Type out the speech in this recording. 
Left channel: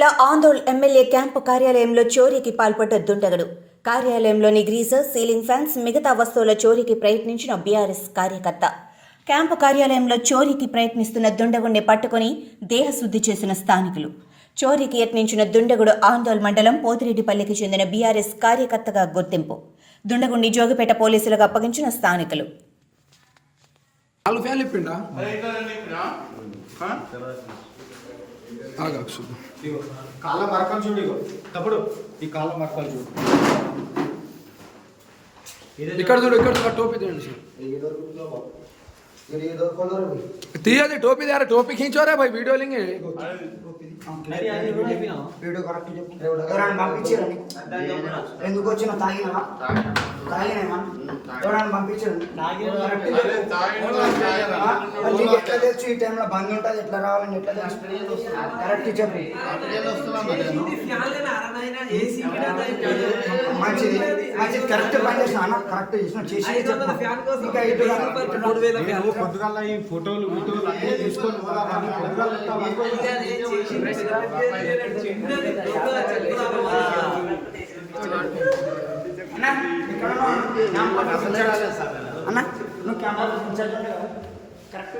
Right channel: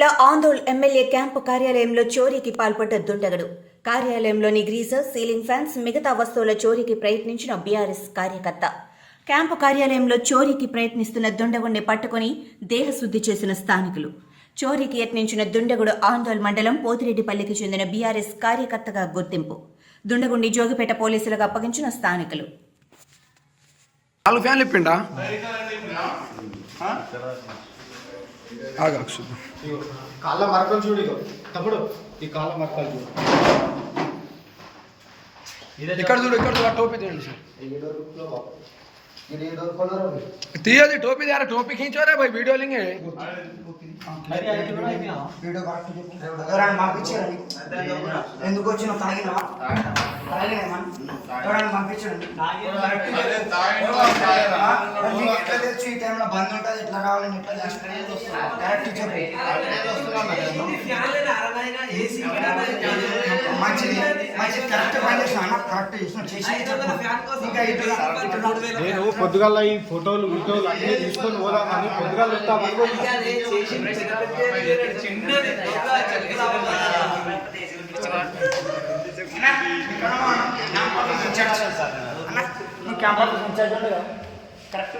జిల్లా Andole MLA camp కార్యాలయంలో చోరీకి పాల్పడ్డ దుండగుడు. కార్యాలయంలోని గ్రీజర్, సీలింగ్ ఫ్యాన్స్, మిగతా వస్తువుల చోరీకి ప్రయత్నించిన బీఆర్ఎస్ కార్యకర్త. క్యాంపు కార్యాలయంలో చోరీకి ప్రయత్నిస్తున్న దుండగుడిని పట్టుకుని దేహశుద్ధి చేసిన స్థానికులు. చోరీకి యత్నించిన దుండగుడు ఆందోళ్ మండలం పోతిరెడ్డిపల్లికి చెందిన బీఆర్ఎస్ కార్యకర్తగా గుర్తింపు. దుండగుడిని జోగిపేట పోలీసులకు అప్పగించిన స్థానికులు. కాళ్ళ మరకలు చూడు, తప్పుడు ఈ కాళ్ళ మరకలు చూడు, ఇక్కడ చూడు, ఇక్కడ చూడు. టోపీ తీయండి సార్, తీయాలి టోపీ द्यारा टोपी खींचो रे भाई वीडियो लेंगे వీడియో కరెక్ట్ చెప్పు. ఎవరైనా పంపించారని ఎందుకు వచ్చిన తాగినవా? ఎవరైనా పంపించారని ఎట్లా తెలుసు ఈ టైంలో బంద్ ఉంటుంది, ఎట్లా రావాలని ఎట్లా తెలుసు? కరెక్ట్ చెప్పు. మంచిది మంచిది కరెక్ట్ పని చేసిన అన్న, కరెక్ట్ చేసిన చేసి ఇంకా నేను పొద్దుగాల ఈ ఫోటోలు వీటోలు అన్నీ తీసుకొని పోదామని పొద్దుగాల వస్తామని నువ్వు క్యాంపస్ కరెక్ట్